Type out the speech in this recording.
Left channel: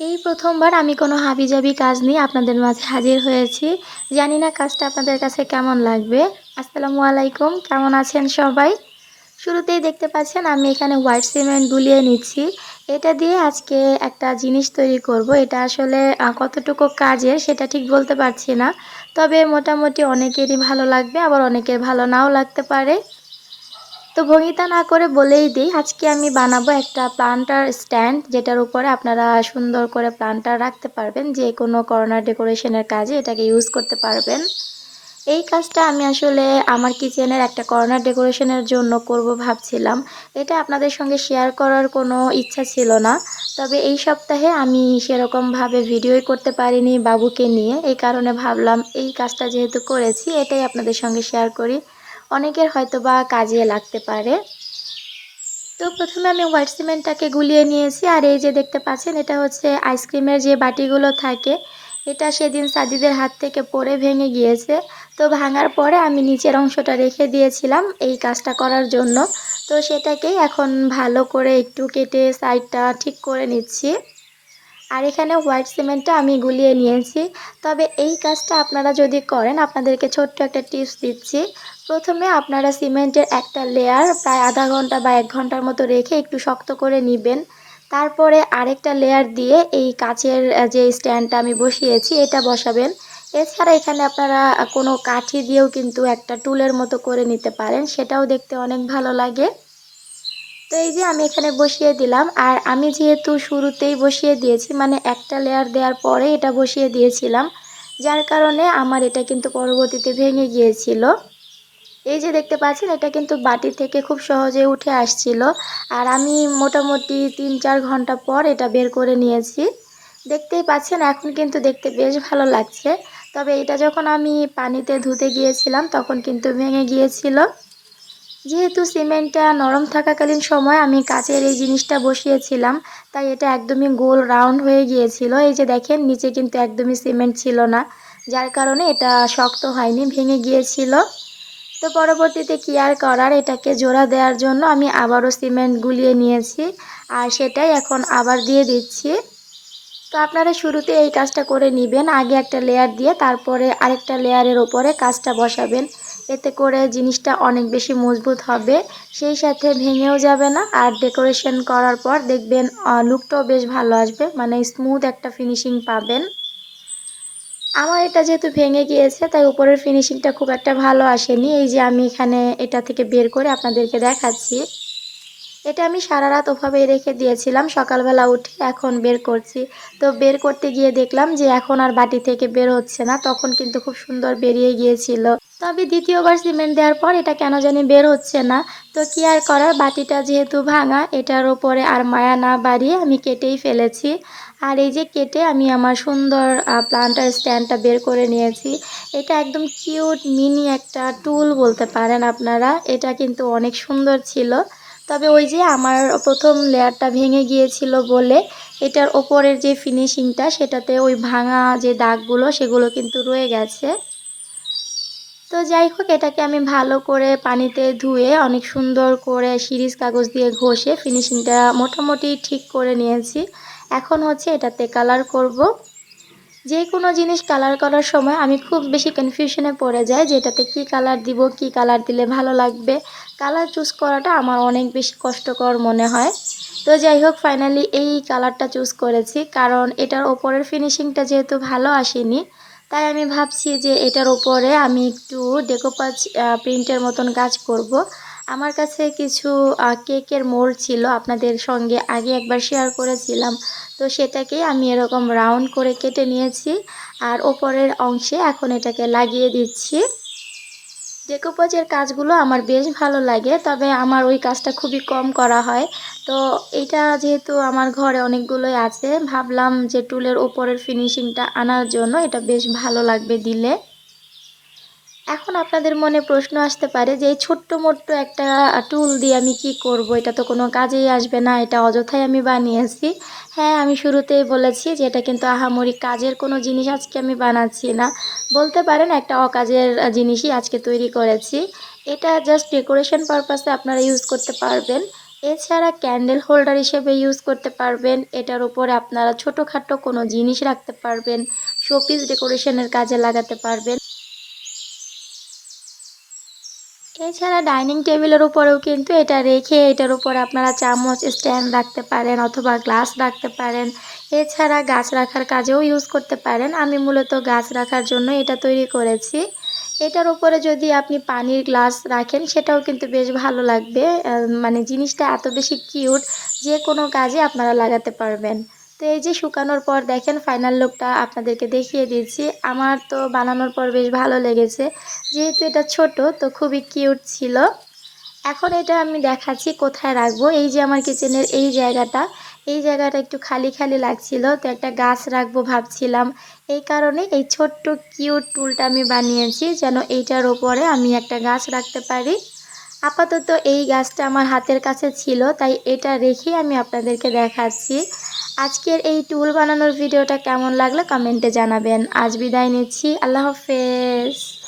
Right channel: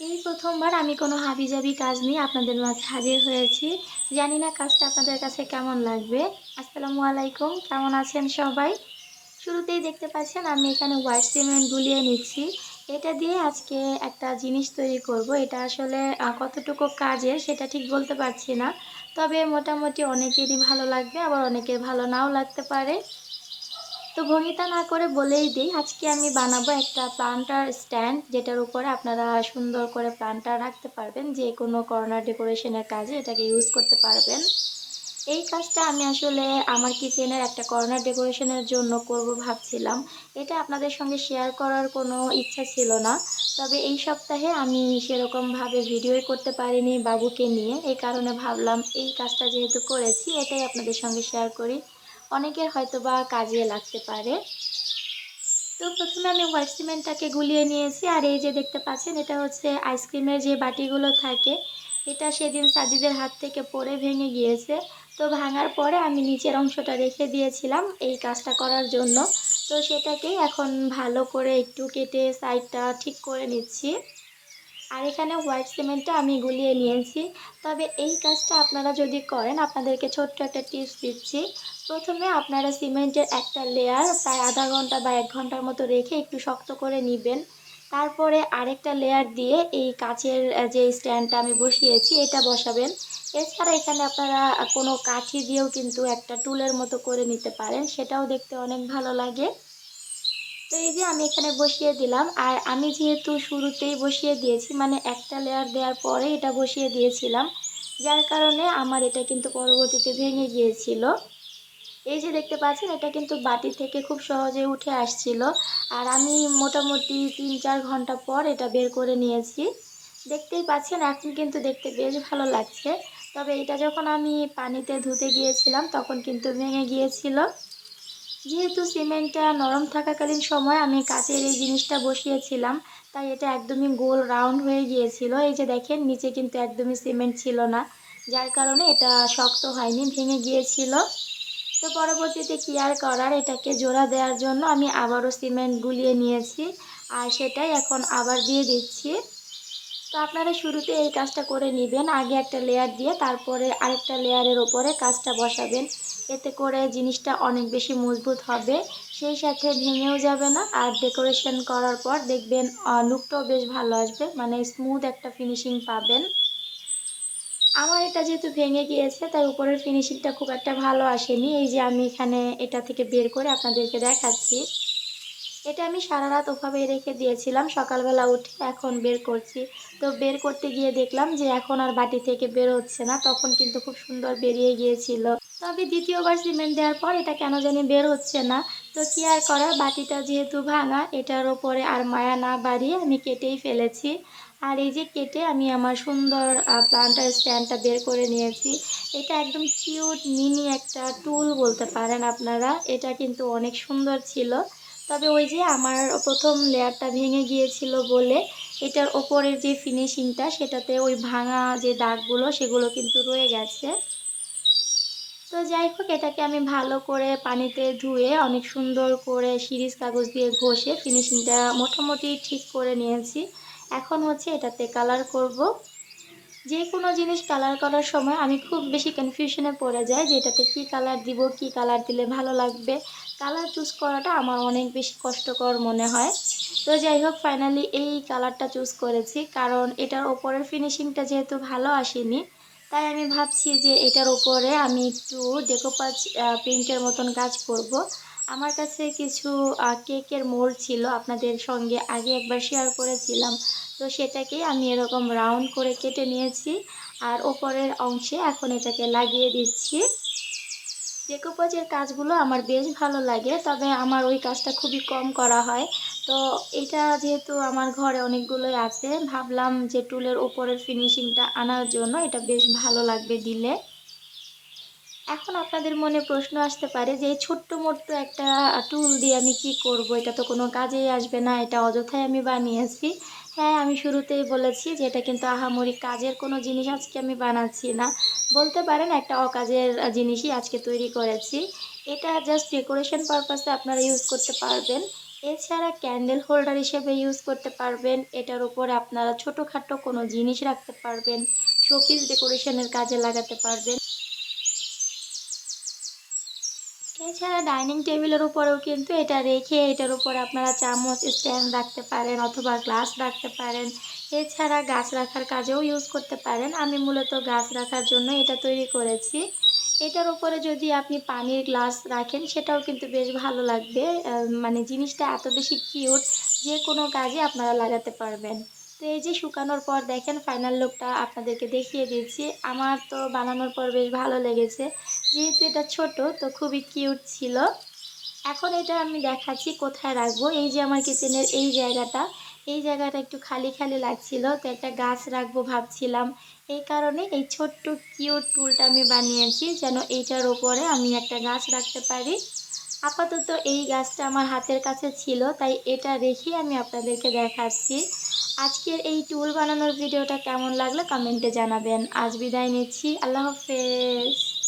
এই প্রথমবার আমি কোনো হাবিজাবি কাজ নিয়ে আপনাদের মাঝে হাজির হয়েছি। জানি না কাজটা আপনাদের কাছে কেমন লাগবে। আসসালামু আলাইকুম, কেমন আছেন সবাই? শুরুতেই দেখতে পাচ্ছেন আমি এখানে হোয়াইট সিমেন্ট গুলিয়ে নিচ্ছি। এটা দিয়ে আজকে একটা জিনিস তৈরি করব। এটা আসলে কতটুকু কাজের সেটা ঠিক বলতে পারছি না। তবে মোটামুটি অনেকেরই ভালো লাগবে, আবার অনেকের ভালো নাও লাগতে পারে। তো ভঙ্গিতা না করে বলেই দিই, আজকে আমি বানাবো একটা প্লান্টার স্ট্যান্ড, যেটার উপরে আপনারা সুন্দর করে প্লান্টার রাখতে পারবেন। যে কোনো কর্নার ডেকোরেশনের কাজে এটাকে ইউজ করতে পারবেন। এই কাজটা আমি আসলে আমার কিচেনের একটা কর্নার ডেকোরেশনের জন্য করব ভাবছিলাম। এটা আপনাদের সঙ্গে শেয়ার করার কোনো ইচ্ছা ছিল না। তবে এই সপ্তাহে আমি সেরকমভাবে ভিডিওই করতে পারিনি বাবুকে নিয়ে। এই কারণে ভাবলাম এই কাজটা যেহেতু করেছি এটাই আপনাদের সঙ্গে শেয়ার করি। অনেকের হয়তোবা কাজে লাগতে পারে। তো প্রথমে আমি হোয়াইট সিমেন্টটাকে গুলিয়ে নিয়েছি, আর এই যে দেখতে পাচ্ছেন এটা হচ্ছে আইসক্রিমের যে বাটিগুলো থাকে, এটা সেদিন সাদিদের হাত থেকে পড়ে ভেঙে গিয়েছে। তো ভাঙার পরে আমি নিচের অংশটা রেখে দিয়েছিলাম এই কাজটা করার জন্য। তো সেটাকে এখন ভালো করে একটু কেটে সাইডটা ঠিক করে নিচ্ছি। আর এখানে হোয়াইট সিমেন্টটা আমি গুলিয়ে নিয়েছি। তবে এই কাজটা আপনারা যদি করেন, আপনাদেরকে ছোট্ট একটা টিপস দিচ্ছি। প্রথমে আপনারা সিমেন্টের একটা লেয়ার প্রায় আধা ঘন্টা বা ১ ঘন্টার মতো রেখে একটু শক্ত করে নিবেন। তারপরে আরেকটা লেয়ার দিয়ে এই কাচের যে স্ট্যান্ডটা আমি বসিয়েছি এটা বসাবেন। এছাড়া এখানে আপনারা কোনো কাঠি দিয়েও কিন্তু একটা টুলের মতো করে নিতে পারেন, সেটাও দেখতে অনেক ভালো লাগে। তো এই যে আমি এখানে বসিয়ে দিলাম, আর আমি যেহেতু শুরুতেই বসিয়ে দিয়েছি, মানে একটা লেয়ার দেওয়ার পরে এটা বসিয়ে দিয়েছিলাম, যার কারণে আমার এটা কিন্তু পরবর্তীতে ভেঙে গিয়েছিল। এই যে দেখতে পাচ্ছেন এটা কিন্তু বাটি থেকে খুব সহজে উঠে আসছিল। আর আমি মোটামুটি ৩-৪ ঘন্টা পর এটা বের করে নিয়েছি। দেখতেই পাচ্ছেন এখন কিন্তু দেখতে বেশ ভালো লাগছে। তবে এটা যখন আমি পানিতে ধুতে গিয়েছিলাম তখন কিন্তু ভেঙে গিয়েছিল। যেহেতু সিমেন্টটা নরম থাকাকালীন সময় আমি কাচের এই জিনিসটা বসিয়েছিলাম, তাই এটা একদমই গোল রাউন্ড হয়ে গিয়েছিল। এই যে দেখেন নিচে কিন্তু একদমই সিমেন্ট ছিল না, যার কারণে এটা শক্ত হয়নি, ভেঙে গিয়েছিল। তো পরবর্তীতে কি আর করার, এটাকে জোড়া দেওয়ার জন্য আমি আবারও সিমেন্ট গুলিয়ে নিয়েছি, আর সেটাই এখন আবার দিয়ে দিচ্ছি। তো আপনারা শুরুতে এই কাজটা করে নেবেন, আগে একটা লেয়ার দিয়ে তারপরে আরেকটা লেয়ারের ওপরে কাজটা বসাবেন। এতে করে জিনিসটা অনেক বেশি মজবুত হবে, সেই সাথে ভেঙেও যাবে না। আর ডেকোরেশন করার পর দেখবেন লুকটাও বেশ ভালো আসবে, মানে স্মুথ একটা ফিনিশিং পাবেন। আমার এটা যেহেতু ভেঙে গিয়েছে তাই উপরের ফিনিশিংটা খুব একটা ভালো আসেনি। এই যে আমি এখানে এটা থেকে বের করে আপনাদেরকে দেখাচ্ছি। এটা আমি সারারাত ওভাবেই রেখে দিয়েছিলাম। সকালবেলা উঠে এখন বের করছি। তো বের করতে গিয়ে দেখলাম যে এখন আর বাটি থেকে বের হচ্ছে না। তখন কিন্তু খুব সুন্দর বেরিয়ে গিয়েছিল। তবে দ্বিতীয়বার সিমেন্ট দেওয়ার পর এটা কেন জানি বের হচ্ছে না। তো কি আর করার, বাটিটা যেহেতু ভাঙা এটার ওপরে আর মায়া না বাড়িয়ে আমি কেটেই ফেলেছি। আর এই যে কেটে আমি আমার সুন্দর প্লান্টার স্ট্যান্ডটা বের করে নিয়েছি। এটা একদম কিউট মিনি একটা টুল বলতে পারেন আপনারা। এটা কিন্তু অনেক সুন্দর ছিল। তবে ওই যে আমার প্রথম লেয়ারটা ভেঙে গিয়েছিল বলে এটার ওপরের যে ফিনিশিংটা সেটাতে ওই ভাঙা যে দাগগুলো সেগুলো কিন্তু রয়ে গেছে। তো যাই হোক, এটাকে আমি ভালো করে পানিতে ধুয়ে অনেক সুন্দর করে সিরিজ কাগজ দিয়ে ঘষে ফিনিশিংটা মোটামুটি ঠিক করে নিয়েছি। এখন হচ্ছে এটাতে কালার করব। যে কোনো জিনিস কালার করার সময় আমি খুব বেশি কনফিউশনে পড়ে যাই যে এটাতে কী কালার দিব, কী কালার দিলে ভালো লাগবে। কালার চুজ করাটা আমার অনেক বেশি কষ্টকর মনে হয়। তো যাই হোক, ফাইনালি এই কালারটা চুজ করেছি, কারণ এটার ওপরের ফিনিশিংটা যেহেতু ভালো আসেনি, তাই আমি ভাবছি যে এটার ওপরে আমি একটু ডেকোপাজ প্রিন্টের মতন কাজ করব। আমার কাছে কিছু কেকের মোল্ড ছিল, আপনাদের সঙ্গে আগে একবার শেয়ার করেছিলাম। তো সেটাকেই আমি এরকম রাউন্ড করে কেটে নিয়েছি, আর ওপরের অংশে এখন এটাকে লাগিয়ে দিচ্ছি। ডেকোপাজের কাজগুলো আমার বেশ ভালো লাগে, তবে আমার ওই কাজটা খুবই কম করা হয়। তো এটা যেহেতু আমার ঘরে অনেকগুলোই আছে, ভাবলাম যে টুলের ওপরের ফিনিশিংটা আনার জন্য এটা বেশ ভালো লাগবে দিলে। এখন আপনাদের মনে প্রশ্ন আসতে পারে যে এই ছোট্ট মোট্ট একটা টুল দিয়ে আমি কি করব, এটা তো কোনো কাজেই আসবে না, এটা অযথাই আমি বানিয়েছি। হ্যাঁ, আমি শুরুতেই বলেছি যে এটা কিন্তু আহামরি কাজের কোনো জিনিস আজকে আমি বানাচ্ছি না, বলতে পারেন একটা অকাজের জিনিসই আজকে তৈরি করেছি। এটা জাস্ট ডেকোরেশন পারপাসে আপনারা ইউজ করতে পারবেন। এছাড়া ক্যান্ডেল হোল্ডার হিসেবে ইউজ করতে পারবেন। এটার উপরে আপনারা ছোটোখাটো কোনো জিনিস রাখতে পারবেন, শোপিস ডেকোরেশনের কাজে লাগাতে পারবেন। এছাড়া ডাইনিং টেবিলের উপরেও কিন্তু এটা রেখে এটার উপরে আপনারা চামচ স্ট্যান্ড রাখতে পারেন অথবা গ্লাস রাখতে পারেন। এছাড়া গাছ রাখার কাজেও ইউজ করতে পারেন। আমি মূলত গাছ রাখার জন্য এটা তৈরি করেছি। এটার উপরে যদি আপনি পানির গ্লাস রাখেন সেটাও কিন্তু বেশ ভালো লাগবে। মানে জিনিসটা এত বেশি কিউট, যে কোনো কাজে আপনারা লাগাতে পারবেন। তো এই যে শুকানোর পর দেখেন ফাইনাল লুকটা আপনাদেরকে দেখিয়ে দিচ্ছি। আমার তো বানানোর পর বেশ ভালো লেগেছে। যেহেতু এটা ছোট তো খুবই কিউট ছিল। এখন এটা আমি দেখাচ্ছি কোথায় রাখবো। এই যে আমার কিচেনের এই জায়গাটা একটু খালি খালি লাগছিল, তো একটা গাছ রাখবো ভাবছিলাম। এই কারণে এই ছোট্ট কিউট টুলটা আমি বানিয়েছি যেন এইটার ওপরে আমি একটা গাছ রাখতে পারি। আপাতত এই গাছটা আমার হাতের কাছে ছিল, তাই এটা রেখে আমি আপনাদেরকে দেখাচ্ছি। আজকের এই টুল বানানোর ভিডিওটা কেমন লাগলো কমেন্টে জানাবেন। আজ বিদায় নিচ্ছি, আল্লাহ হাফেজ।